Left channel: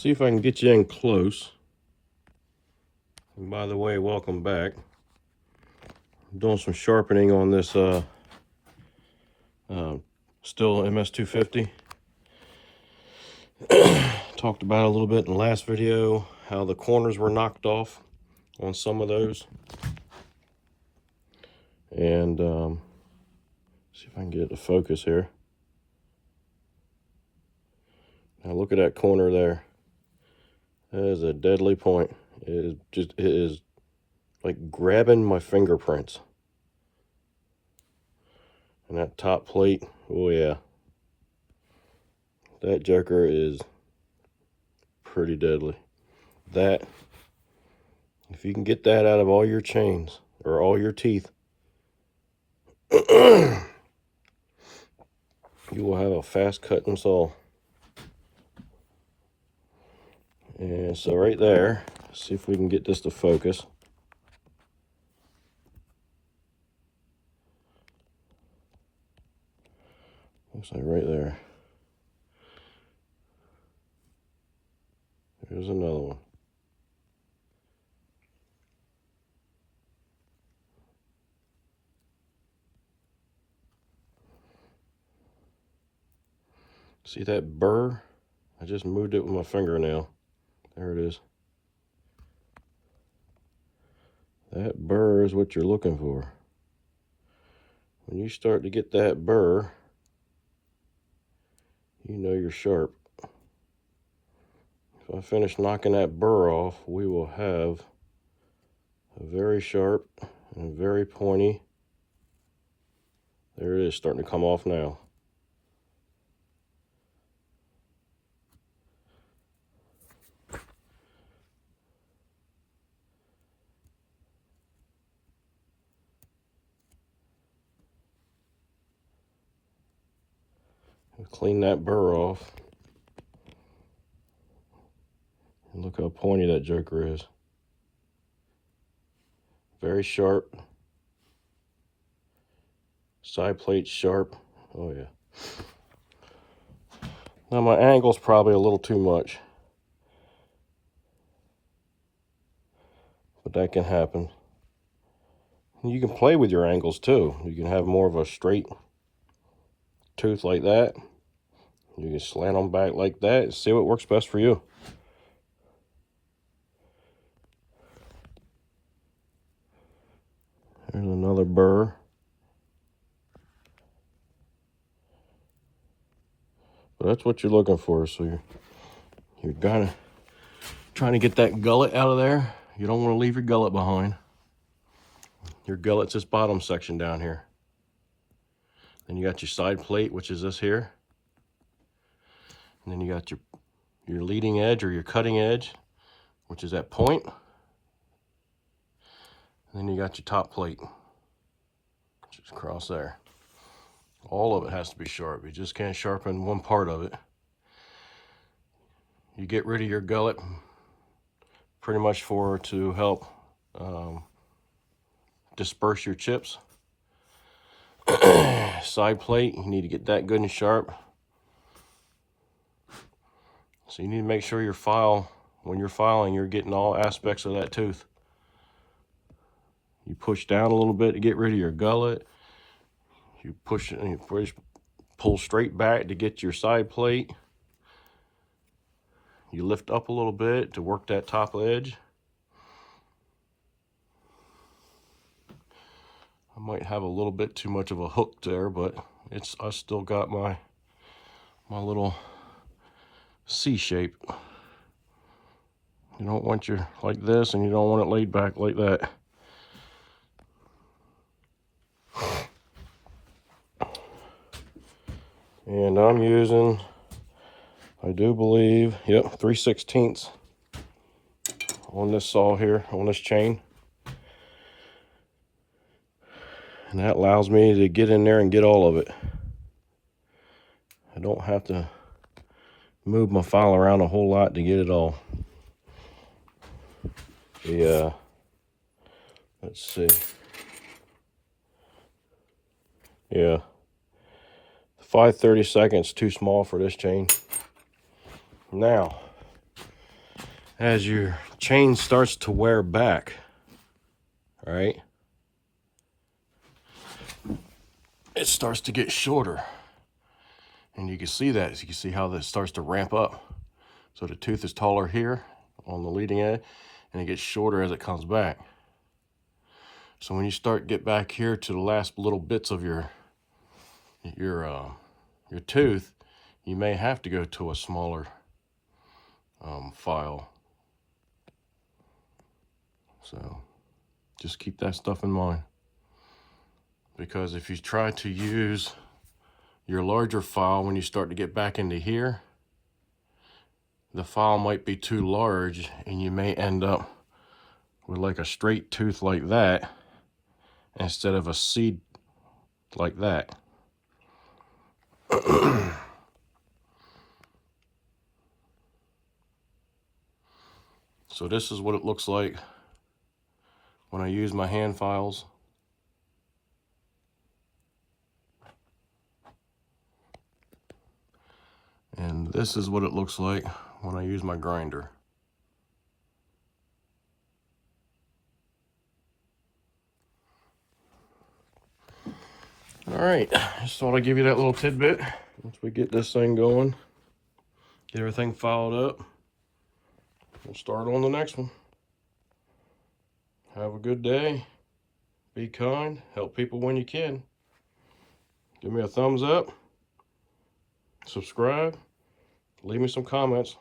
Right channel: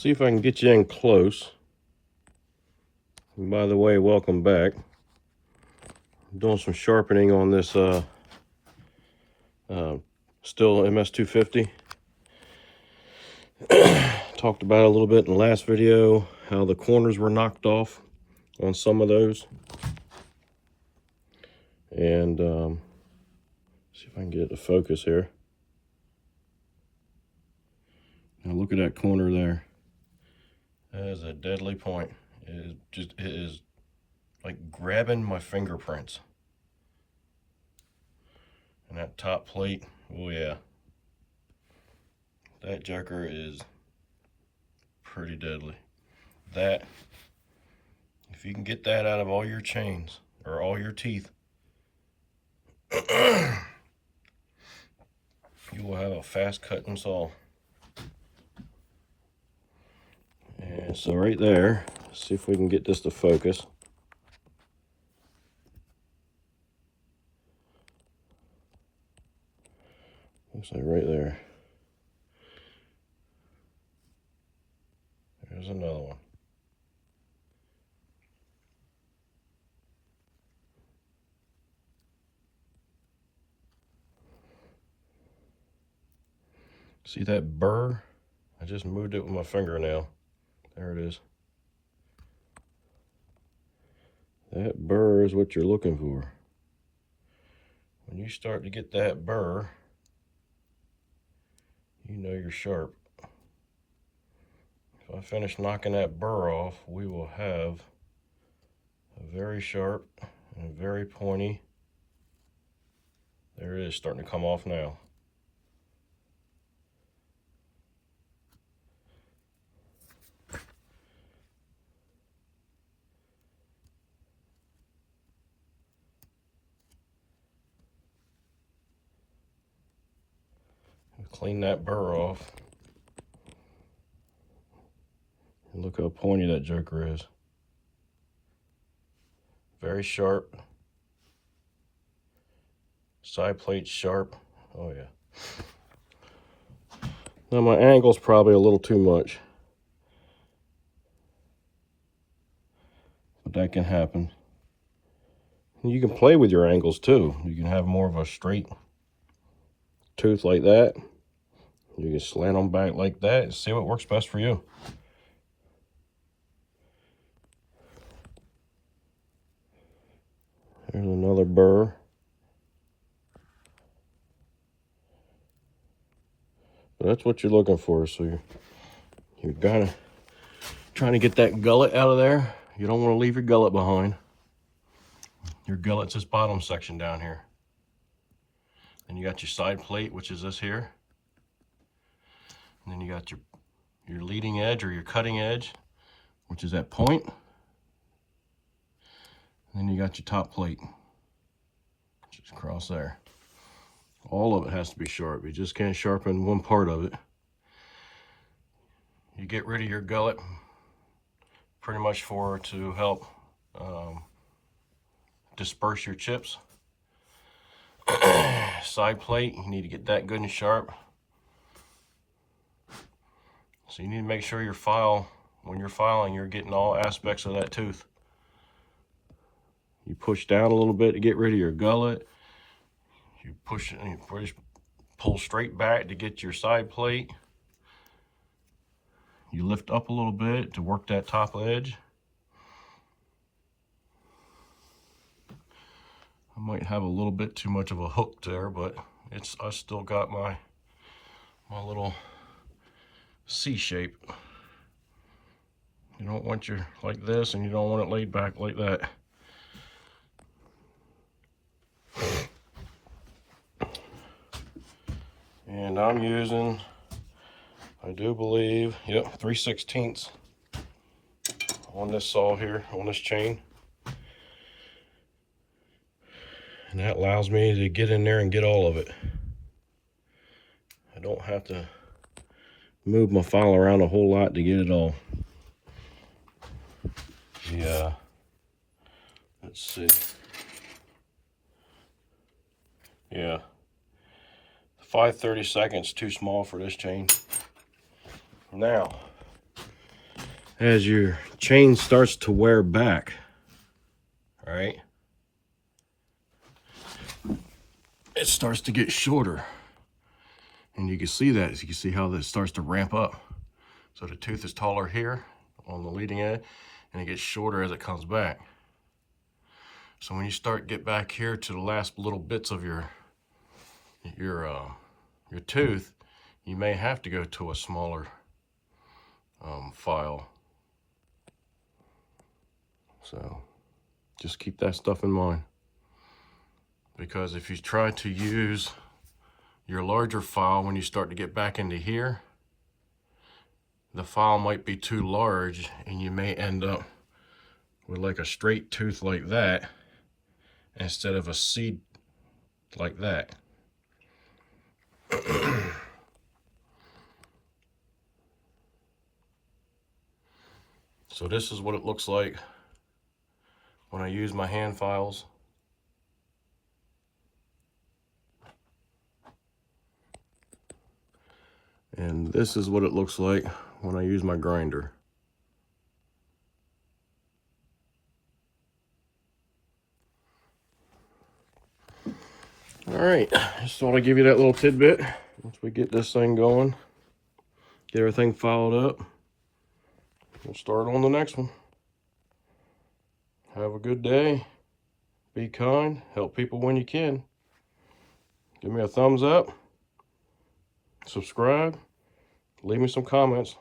see if I can get you in close. And by the way, welcome back. I'm doing some sharpening on this still MS250. Talked about it a little bit in the last video, how the corners were knocked off on some of those. And see if I can get it to focus here. Now look at that corner there. That is a deadly point. It is like grabbing my fingerprints. And that top plate, oh yeah. That joker is pretty deadly. That, if you can get that out of all your chains or all your teeth, you will have a fast cutting saw. And so right there, see if we can get this to focus. Looks like right there. There's another one. See that burr? I just moved it with my fingernail. There it is. That burr is what you're looking for. When you start to get that burr, you know you're sharp. If I finish knocking that burr off, we will have a very sharp and very pointy. There it is, starting to come off now. Clean that burr off. And look how pointy that joker is. Very sharp. Side plate sharp. Oh yeah. Now my angle's probably a little too much, but that can happen. You can play with your angles too. You can have more of a straight tooth like that. You can slant them back like that and see what works best for you. There's another burr. But that's what you're looking for. So you're kind of trying to get that gullet out of there. You don't want to leave your gullet behind. Your gullet's this bottom section down here. Then you got your side plate, which is this here. And then you got your leading edge or your cutting edge, which is that point. And then you got your top plate, which is across there. All of it has to be sharp. You just can't sharpen one part of it. You get rid of your gullet pretty much to help disperse your chips. Side plate, you need to get that good and sharp. So you need to make sure when you're filing, you're getting all aspects of that tooth. You push down a little bit to get rid of your gullet. You push and you pull straight back to get your side plate. You lift up a little bit to work that top edge. I might have a little bit too much of a hook there, but I still got my little C shape. You don't want your like this, and you don't want it laid back like that. And I'm using, I do believe, yep, 3/16 on this saw here, on this chain. And that allows me to get in there and get all of it. I don't have to move my file around a whole lot to get it all. Yeah. Let's see. Yeah. 5/32 too small for this chain. Now, as your chain starts to wear back, all right, it starts to get shorter. And you can see that. You can see how this starts to ramp up. So the tooth is taller here on the leading edge, and it gets shorter as it comes back. So when you get back here to the last little bits of your tooth, you may have to go to a smaller file. So just keep that stuff in mind, because if you try to use your larger file when you start to get back into here, the file might be too large and you may end up with like a straight tooth like that instead of a seed like that. So this is what it looks like when I use my hand files. And this is what it looks like when I use my grinder. All right, just thought I'd give you that little tidbit. Once we get this thing going, get everything filed up, we'll start on the next one. Have a good day. Be kind. Help people when you can. Give me a thumbs up. Subscribe. Leave me some comments.